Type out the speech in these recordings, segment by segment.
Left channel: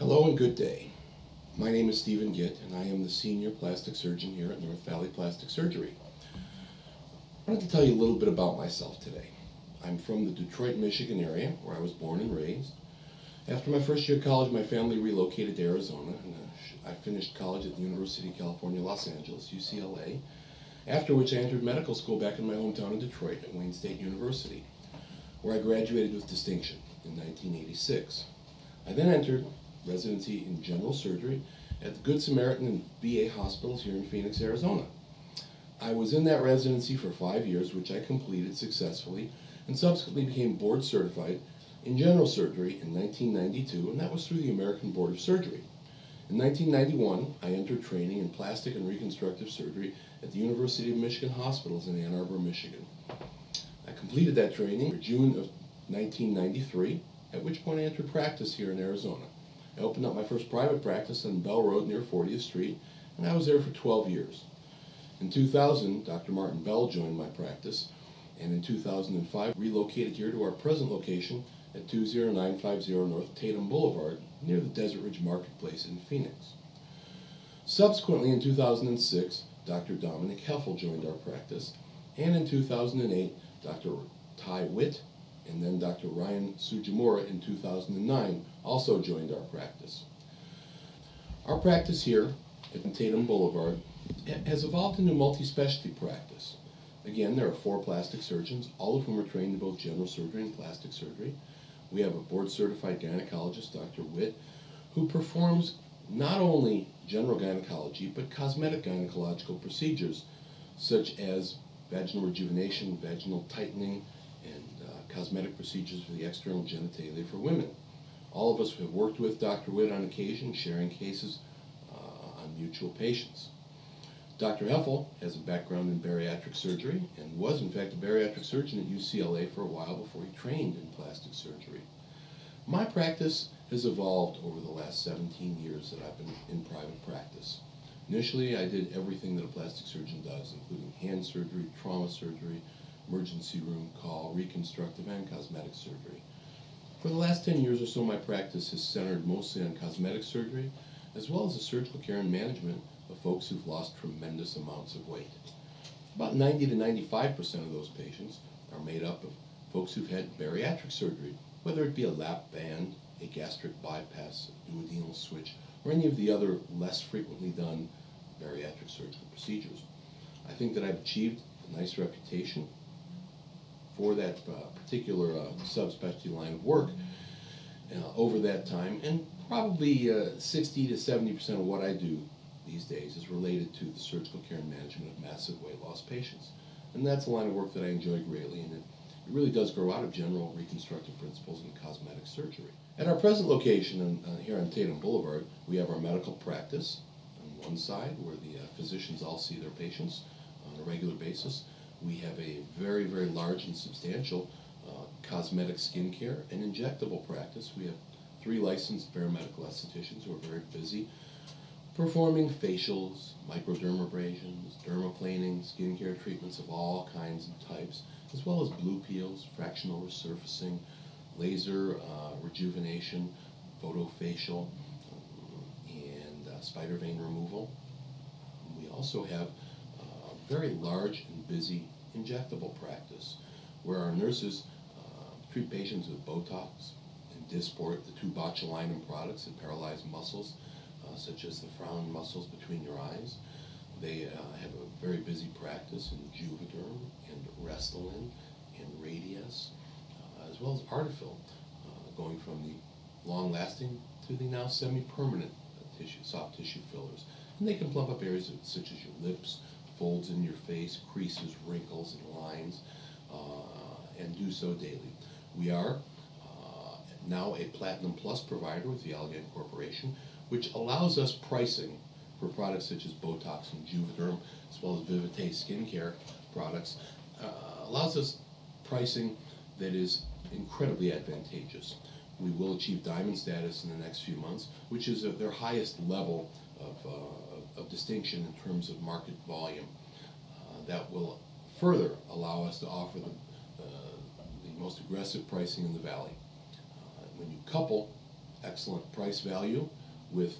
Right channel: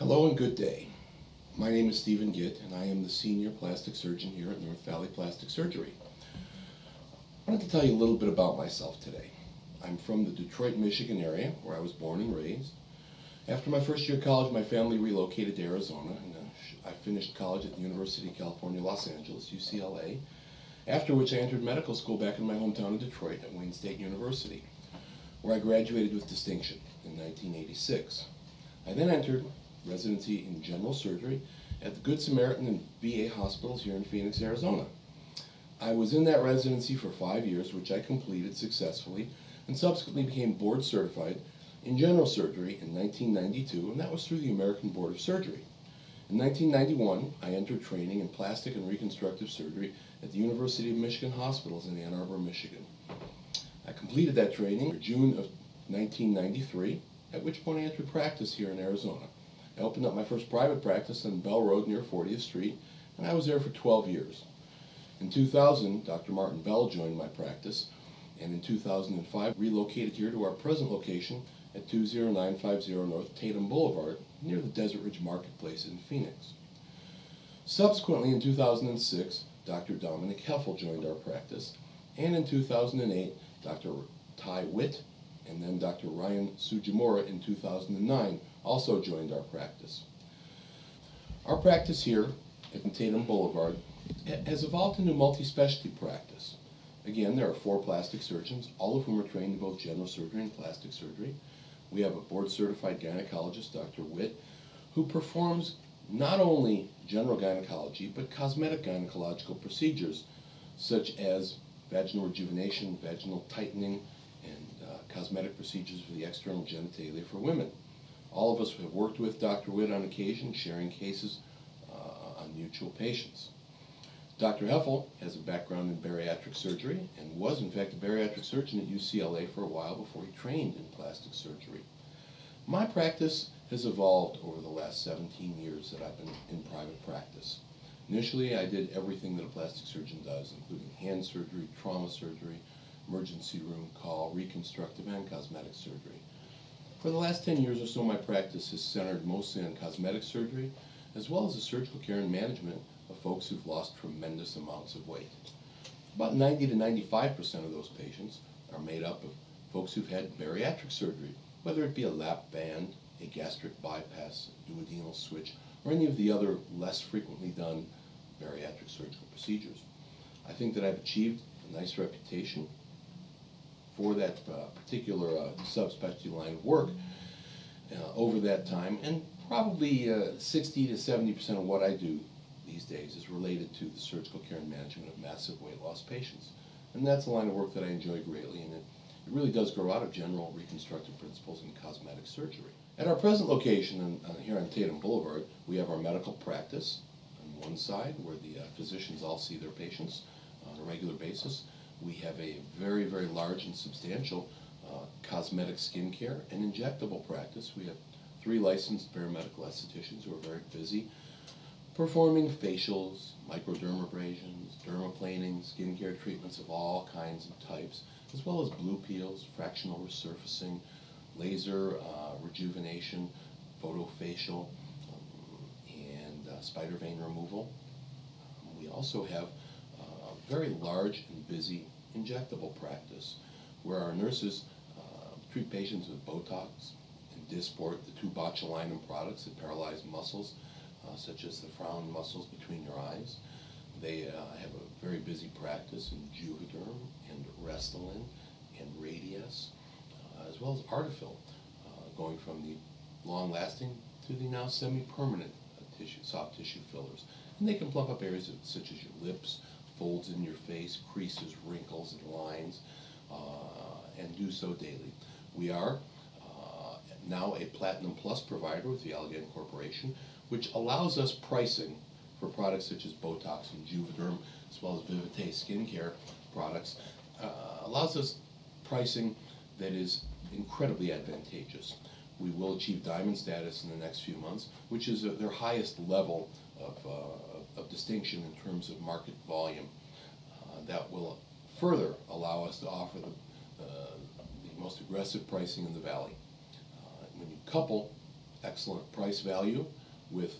Hello and good day. My name is Gitt, and I am the senior plastic surgeon here at North Valley Plastic Surgery. I wanted to tell you a little bit about myself today. I'm from the Detroit, Michigan area, where I was born and raised. After my first year of college, my family relocated to Arizona, and I finished college at the University of California, Los Angeles, UCLA, after which I entered medical school back in my hometown of Detroit at Wayne State University, where I graduated with distinction in 1986. I then entered residency in general surgery at the Good Samaritan and VA hospitals here in Phoenix, Arizona. I was in that residency for 5 years, which I completed successfully, and subsequently became board certified in general surgery in 1992, and that was through the American Board of Surgery. In 1991, I entered training in plastic and reconstructive surgery at the University of Michigan Hospitals in Ann Arbor, Michigan. I completed that training in June of 1993, at which point I entered practice here in Arizona. I opened up my first private practice on Bell Road near 40th Street, and I was there for 12 years. In 2000, Dr. Martin Bell joined my practice, and in 2005 relocated here to our present location at 20950 North Tatum Boulevard near the Desert Ridge Marketplace in Phoenix. Subsequently, in 2006, Dr. Dominic Heffel joined our practice, and in 2008, Dr. Ty Witt and then Dr. Ryan Sujimura in 2009 also joined our practice. Our practice here at Tatum Boulevard has evolved into a multi-specialty practice. Again, there are 4 plastic surgeons, all of whom are trained in both general surgery and plastic surgery. We have a board-certified gynecologist, Dr. Witt, who performs not only general gynecology, but cosmetic gynecological procedures, such as vaginal rejuvenation, vaginal tightening, and cosmetic procedures for the external genitalia for women. All of us have worked with Dr. Witt on occasion, sharing cases on mutual patients. Dr. Heffel has a background in bariatric surgery and was, in fact, a bariatric surgeon at UCLA for a while before he trained in plastic surgery. My practice has evolved over the last 17 years that I've been in private practice. Initially, I did everything that a plastic surgeon does, including hand surgery, trauma surgery, emergency room call, reconstructive, and cosmetic surgery. For the last 10 years or so, my practice has centered mostly on cosmetic surgery, as well as the surgical care and management of folks who've lost tremendous amounts of weight. About 90 to 95% of those patients are made up of folks who've had bariatric surgery, whether it be a lap band, a gastric bypass, a duodenal switch, or any of the other less frequently done bariatric surgical procedures. I think that I've achieved a nice reputation for that particular subspecialty line of work over that time, and probably 60 to 70% of what I do these days is related to the surgical care and management of massive weight loss patients. And that's a line of work that I enjoy greatly, and it really does grow out of general reconstructive principles in cosmetic surgery. At our present location here on Tatum Boulevard, we have our medical practice on one side, where the physicians all see their patients on a regular basis. We have a very, very large and substantial cosmetic skincare and injectable practice. We have 3 licensed paramedical estheticians who are very busy performing facials, microdermabrasions, dermaplaning, skincare treatments of all kinds and types, as well as blue peels, fractional resurfacing, laser rejuvenation, photofacial, and spider vein removal. We also have a very large and busy injectable practice, where our nurses treat patients with Botox and Dysport, the 2 botulinum products that paralyze muscles, such as the frown muscles between your eyes. They have a very busy practice in Juvederm and Restylane and Radius, as well as Artifil, going from the long-lasting to the now semi-permanent soft tissue fillers. And they can plump up areas such as your lips, folds in your face, creases, wrinkles, and lines, and do so daily. We are now a Platinum Plus provider with the Allergan Corporation, which allows us pricing for products such as Botox and Juvederm, as well as Vivite skincare products, allows us pricing that is incredibly advantageous. We will achieve diamond status in the next few months, which is their highest level of distinction in terms of market volume. That will further allow us to offer the most aggressive pricing in the valley. When you couple excellent price value with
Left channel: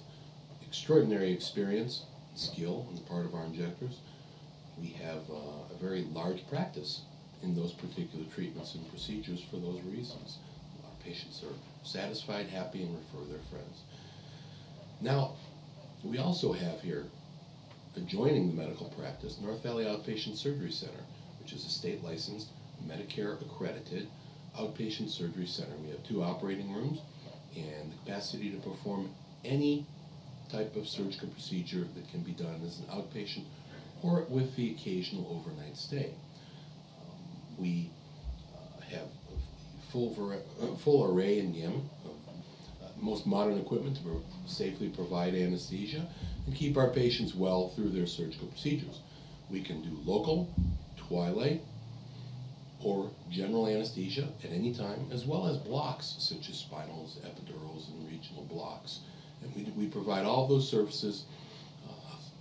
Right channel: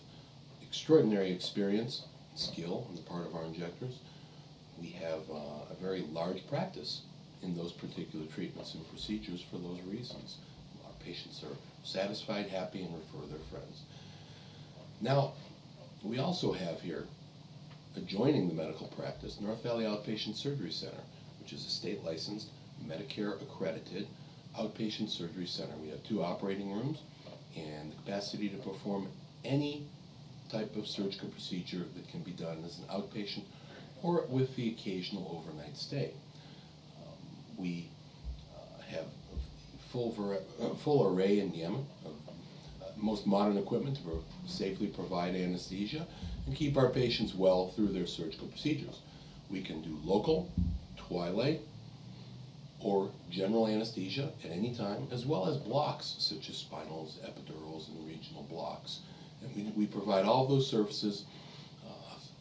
extraordinary experience and skill on the part of our injectors. We have a very large practice in those particular treatments and procedures for those reasons. Our patients are satisfied, happy, and refer their friends. Now, we also have here, adjoining the medical practice, North Valley Outpatient Surgery Center, which is a state-licensed, Medicare-accredited outpatient surgery center. We have 2 operating rooms and the capacity to perform any type of surgical procedure that can be done as an outpatient or with the occasional overnight stay. We have a full array and gamut of most modern equipment to safely provide anesthesia and keep our patients well through their surgical procedures. We can do local, twilight, or general anesthesia at any time, as well as blocks such as spinals, epidurals, and regional blocks. And we provide all those services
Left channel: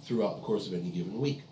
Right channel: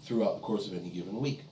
throughout the course of any given week.